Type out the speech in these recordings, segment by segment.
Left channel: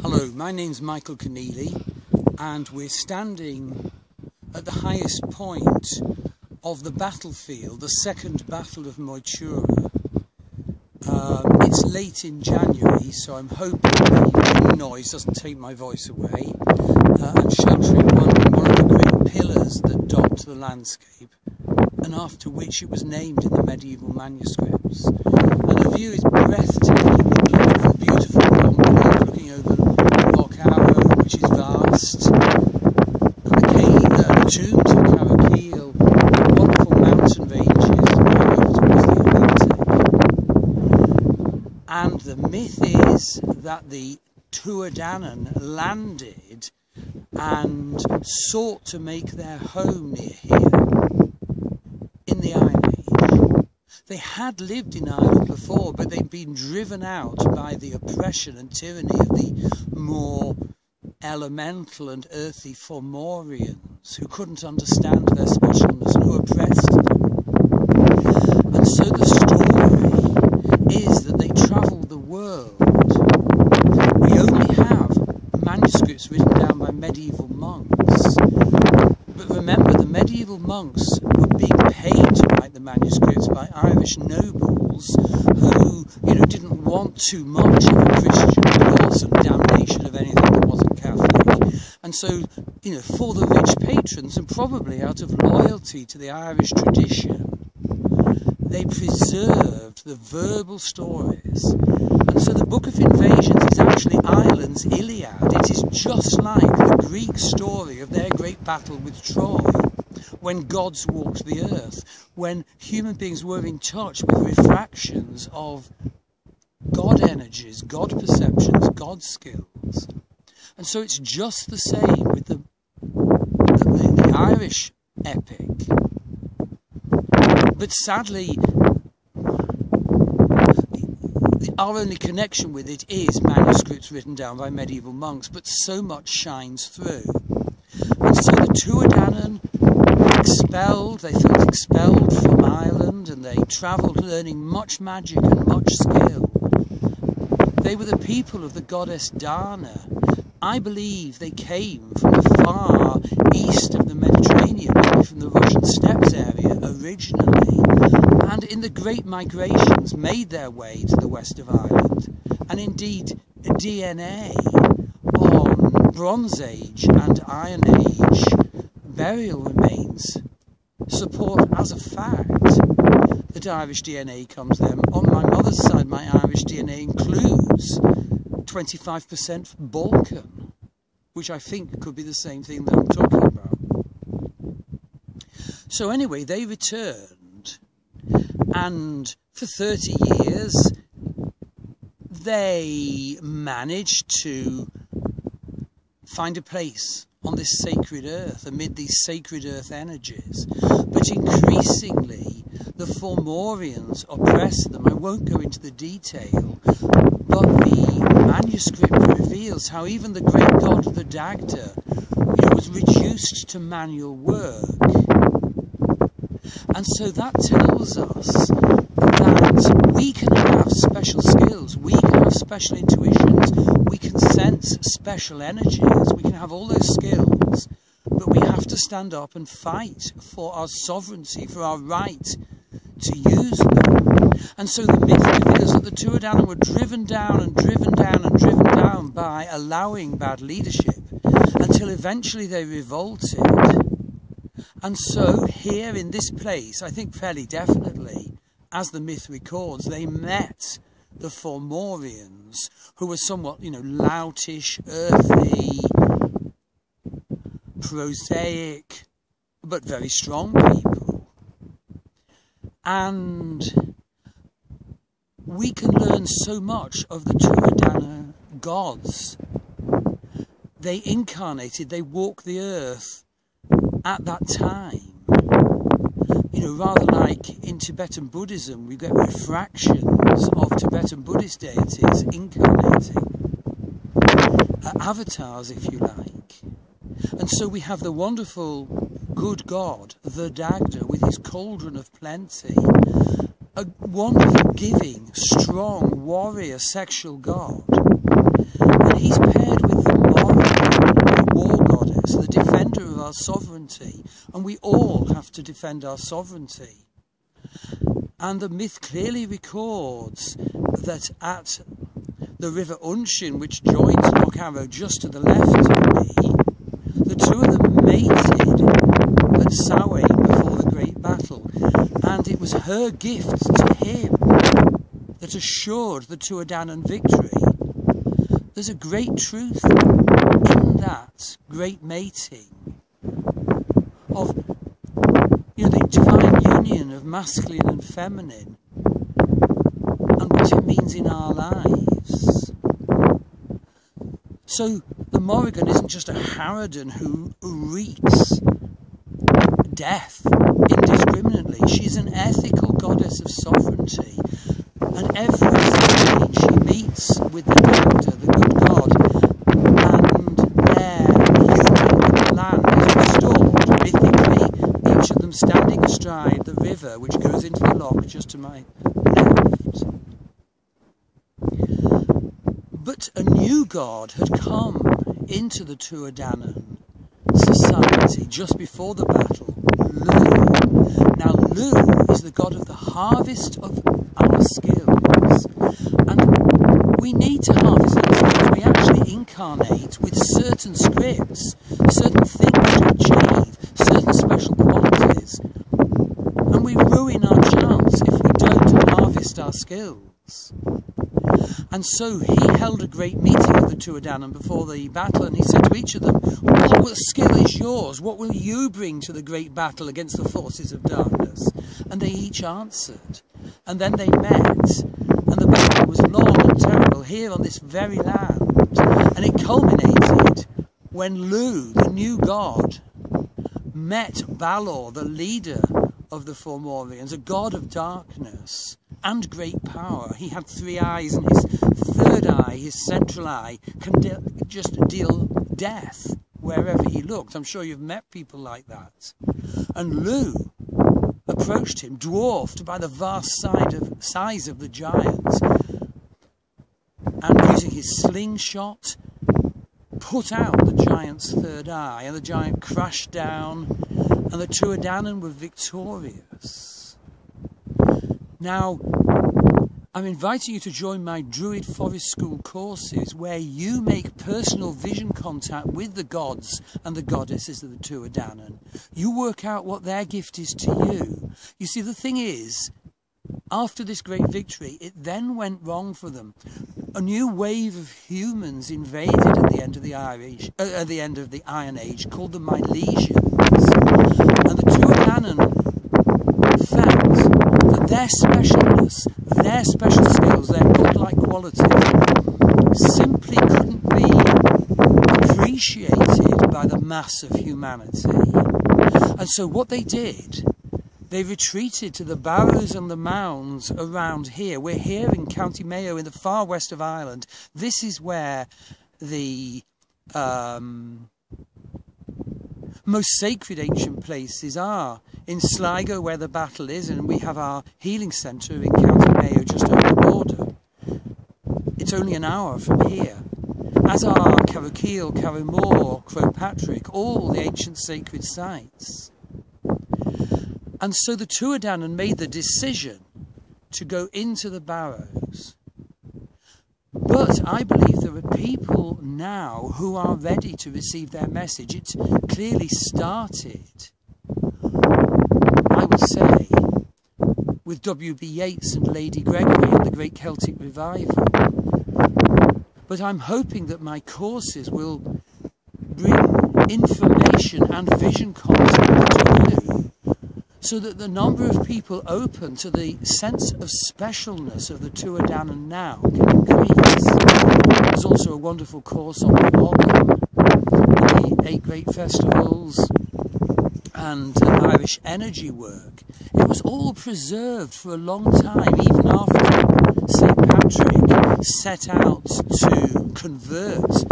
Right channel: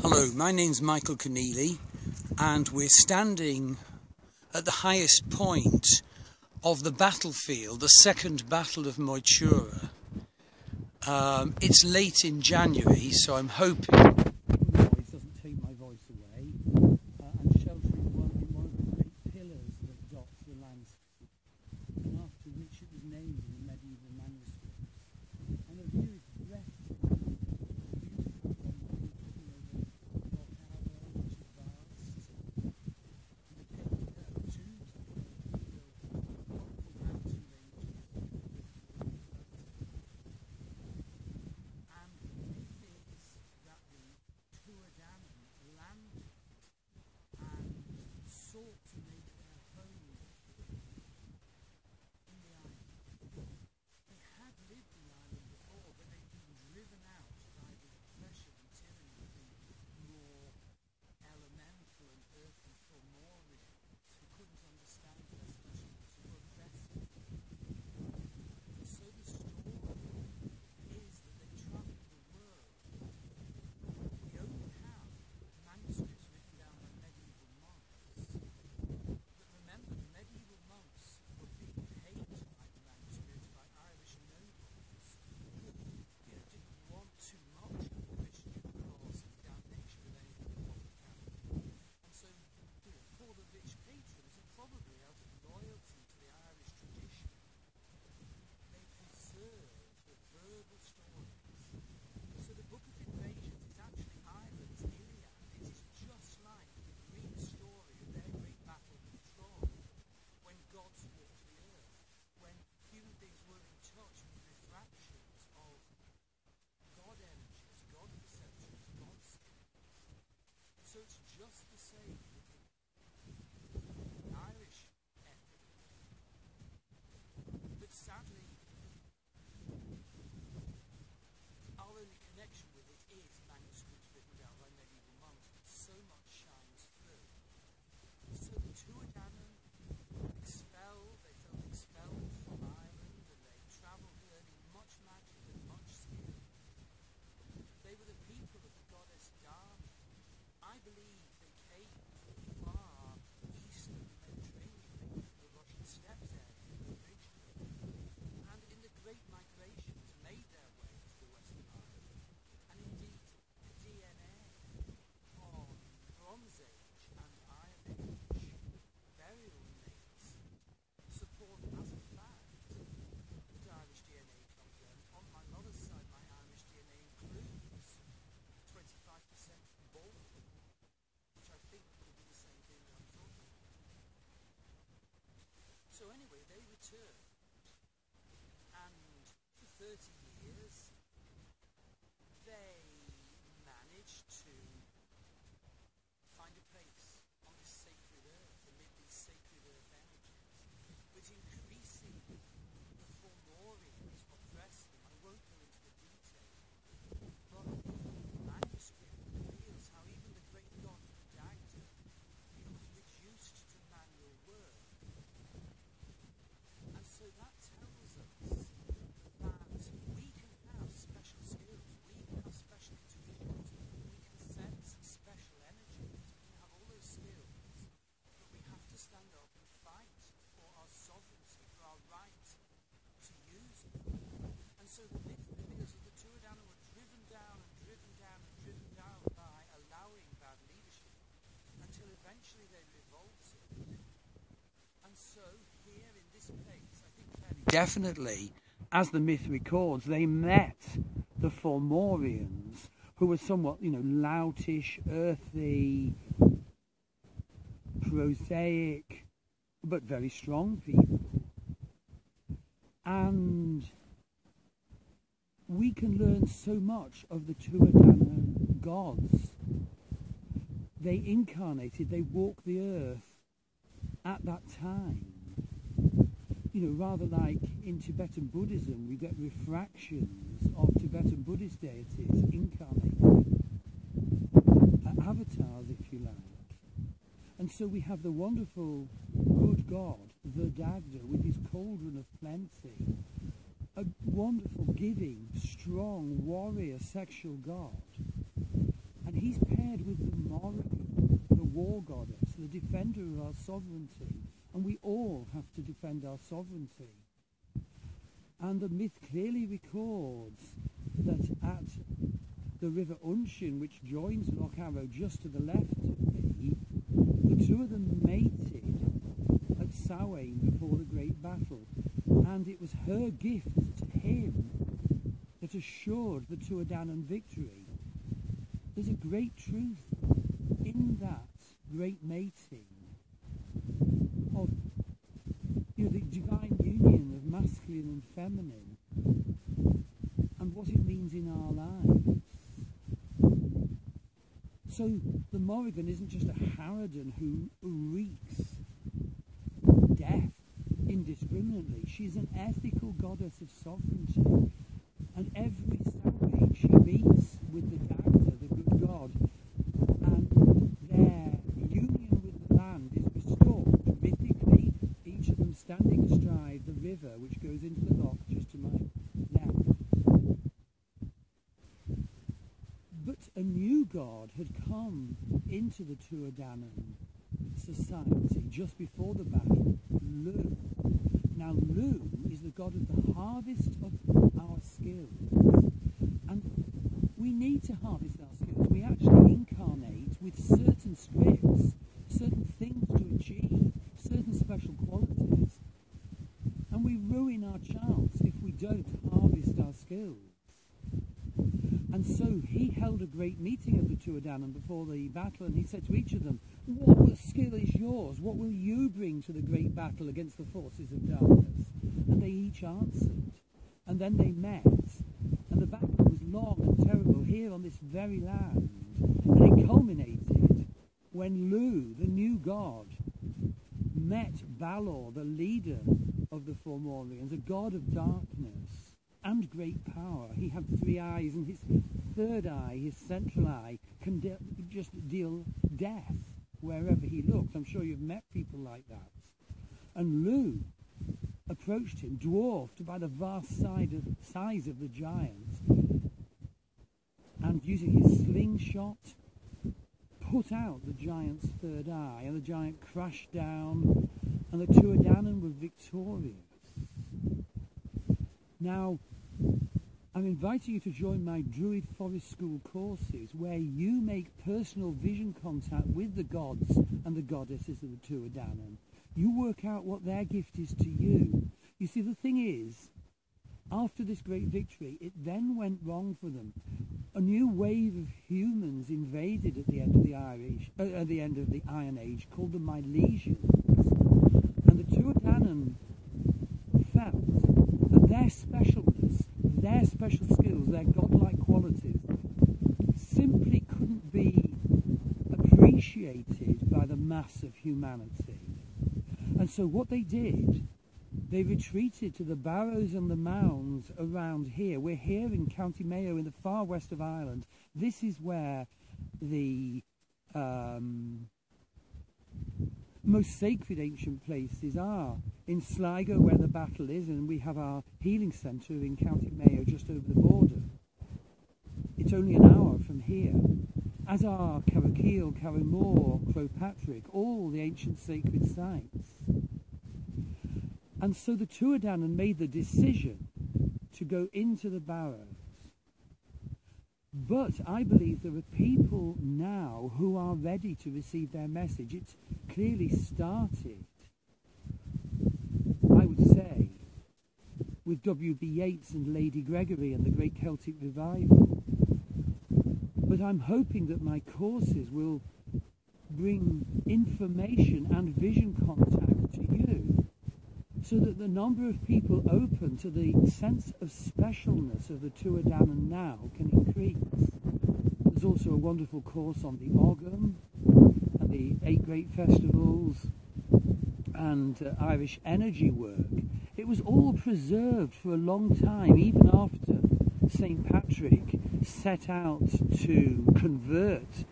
Hello, my name's Michael Conneely, and we're standing at the highest point of the battlefield, the Second Battle of Moytura. It's late in January, so I'm hoping the noise doesn't take my voice away. I'm sheltering one of the great pillars that dot the landscape, and after which it was named in the medieval manuscripts. And the view is breathtaking, the beautiful Conneely looking over Loch Arrow, which is vast, the tombs of Carrickeel, wonderful mountain ranges over towards the Atlantic. And the myth is that the Tuatha landed and sought to make their home near here in the Iron Age. They had lived in Ireland before, but they'd been driven out by the oppression and tyranny of the more elemental and earthy Fomorians, who couldn't understand their specialness and who oppressed them. And so the story is that they travelled the world. We only have manuscripts written down by medieval monks. But remember, the medieval monks were being paid to write the manuscripts by Irish nobles who, didn't want too much of a Christian cross and damnation of anything that wasn't Catholic. And so, for the rich patrons, and probably out of loyalty to the Irish tradition, they preserved the verbal stories. And so the Book of Invasions is actually Ireland's Iliad. It is just like the Greek story of their great battle with Troy, when gods walked the earth, when human beings were in touch with refractions of God energies, God perceptions, God skills. And so it's just the same with the Irish epic. But sadly, our only connection with it is manuscripts written down by medieval monks, but so much shines through. And so the Tuatha they felt expelled from Ireland, and they travelled learning much magic and much skill. They were the people of the goddess Dana. I believe they came from the far east of the Mediterranean, maybe from the Russian steppes area originally, and in the great migrations made their way to the west of Ireland. And indeed, DNA on Bronze Age and Iron Age burial remains support as a fact that Irish DNA comes there. On my mother's side, my Irish DNA includes 25% Balkan, which I think could be the same thing that I'm talking about. So anyway, they returned, and for 30 years they managed to find a place on this sacred earth, amid these sacred earth energies. But increasingly, the Fomorians oppressed them. I won't go into the detail, but the manuscript reveals how even the great god of the Dagda, was reduced to manual work. And so that tells us that we can have special skills, we can have special intuitions, we can sense special energies, we can have all those skills, but we have to stand up and fight for our sovereignty, for our right to use them. And so the myth reveals that the Tuatha were driven down and driven down and driven down by allowing bad leadership, until eventually they revolted. And so here in this place, I think fairly definitely, as the myth records, they met the Fomorians, who were somewhat, loutish, earthy, prosaic, but very strong people. And we can learn so much of the Tuatha gods. They incarnated, they walked the earth at that time. Rather like in Tibetan Buddhism, we get refractions of Tibetan Buddhist deities incarnating, avatars, if you like. And so we have the wonderful good God, the Dagda, with his cauldron of plenty, a wonderful, giving, strong, warrior, sexual god. And he's paired sovereignty, and we all have to defend our sovereignty. And the myth clearly records that at the river Unshin, which joins Loch Arrow just to the left of me, the two of them mated at Samhain before the great battle, and it was her gift to him that assured the Tuatha victory. There's a great truth in that great mating of, the divine union of masculine and feminine, and what it means in our lives. So the Morrigan isn't just a harridan who wreaks death indiscriminately. She's an ethical goddess of sovereignty, and every time she meets with the doctor, the good god, and their union with the land is restored mythically, each of them standing astride the river which goes into the loch just to my left. But a new god had come into the Tuatha society just before the battle, Lu. Now Lu is the god of the harvest of our skills, and we need to harvest them because we actually incarnate with certain scripts, certain things to achieve, certain special qualities, and we ruin our chance if we don't harvest our skills. And so he held a great meeting of the Tuatha before the battle, and he said to each of them, "What skill is yours? What will you bring to the great battle against the forces of darkness?" And they each answered. And then they met, and the battle was long and terrible here on this very land. And it culminated when Lu, the new god, met Balor, the leader of the Fomorians, a god of darkness and great power. He had 3 eyes, and his third eye, his central eye, can just deal death wherever he looked. I'm sure you've met people like that. And Lu approached him, dwarfed by the vast size of the giant, and using his slingshot, put out the giant's third eye, and the giant crashed down, and the Tuatha were victorious. Now, I'm inviting you to join my Druid Forest School courses, where you make personal vision contact with the gods and the goddesses of the Tuatha. You work out what their gift is to you. You see, the thing is, after this great victory, it then went wrong for them. A new wave of humans invaded at the end of the Iron Age, called the Milesians, and the Tuatha felt that their specialness, their special skills, their godlike qualities simply couldn't be appreciated by the mass of humanity. And so what they did, they retreated to the barrows and the mounds around here. We're here in County Mayo in the far west of Ireland. This is where the most sacred ancient places are. In Sligo, where the battle is, and we have our healing centre in County Mayo just over the border. It's only an hour from here. As are Carrowkeel, Carrowmore, Crowpatrick, all the ancient sacred sites. And so the Tuatha made the decision to go into the barrows. But I believe there are people now who are ready to receive their message. It clearly started, I would say, with W.B. Yeats and Lady Gregory and the Great Celtic Revival. But I'm hoping that my courses will bring information and vision contact to you, so that the number of people open to the sense of specialness of the Tuatha now can increase. There's also a wonderful course on the Morgan, the 8 great festivals, and Irish energy work. It was all preserved for a long time, even after St. Patrick set out to convert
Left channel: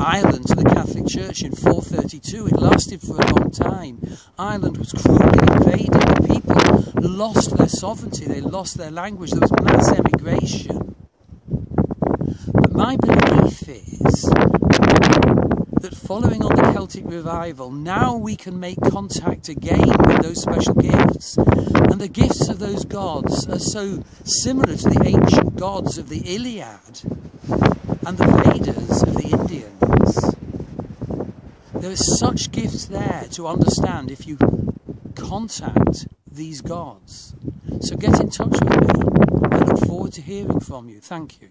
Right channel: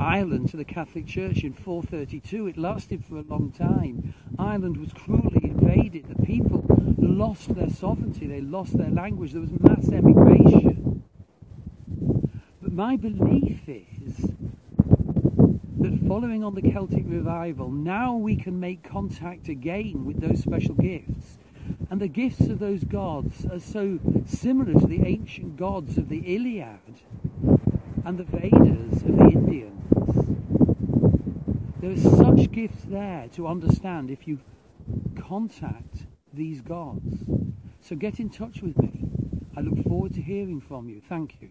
Ireland to the Catholic Church in 432. It lasted for a long time. Ireland was cruelly invaded. The people lost their sovereignty. They lost their language. There was mass emigration. But my belief is that following on the Celtic revival, now we can make contact again with those special gifts. And the gifts of those gods are so similar to the ancient gods of the Iliad and the Vedas of the Indians. There are such gifts there to understand if you contact these gods. So get in touch with me. I look forward to hearing from you. Thank you.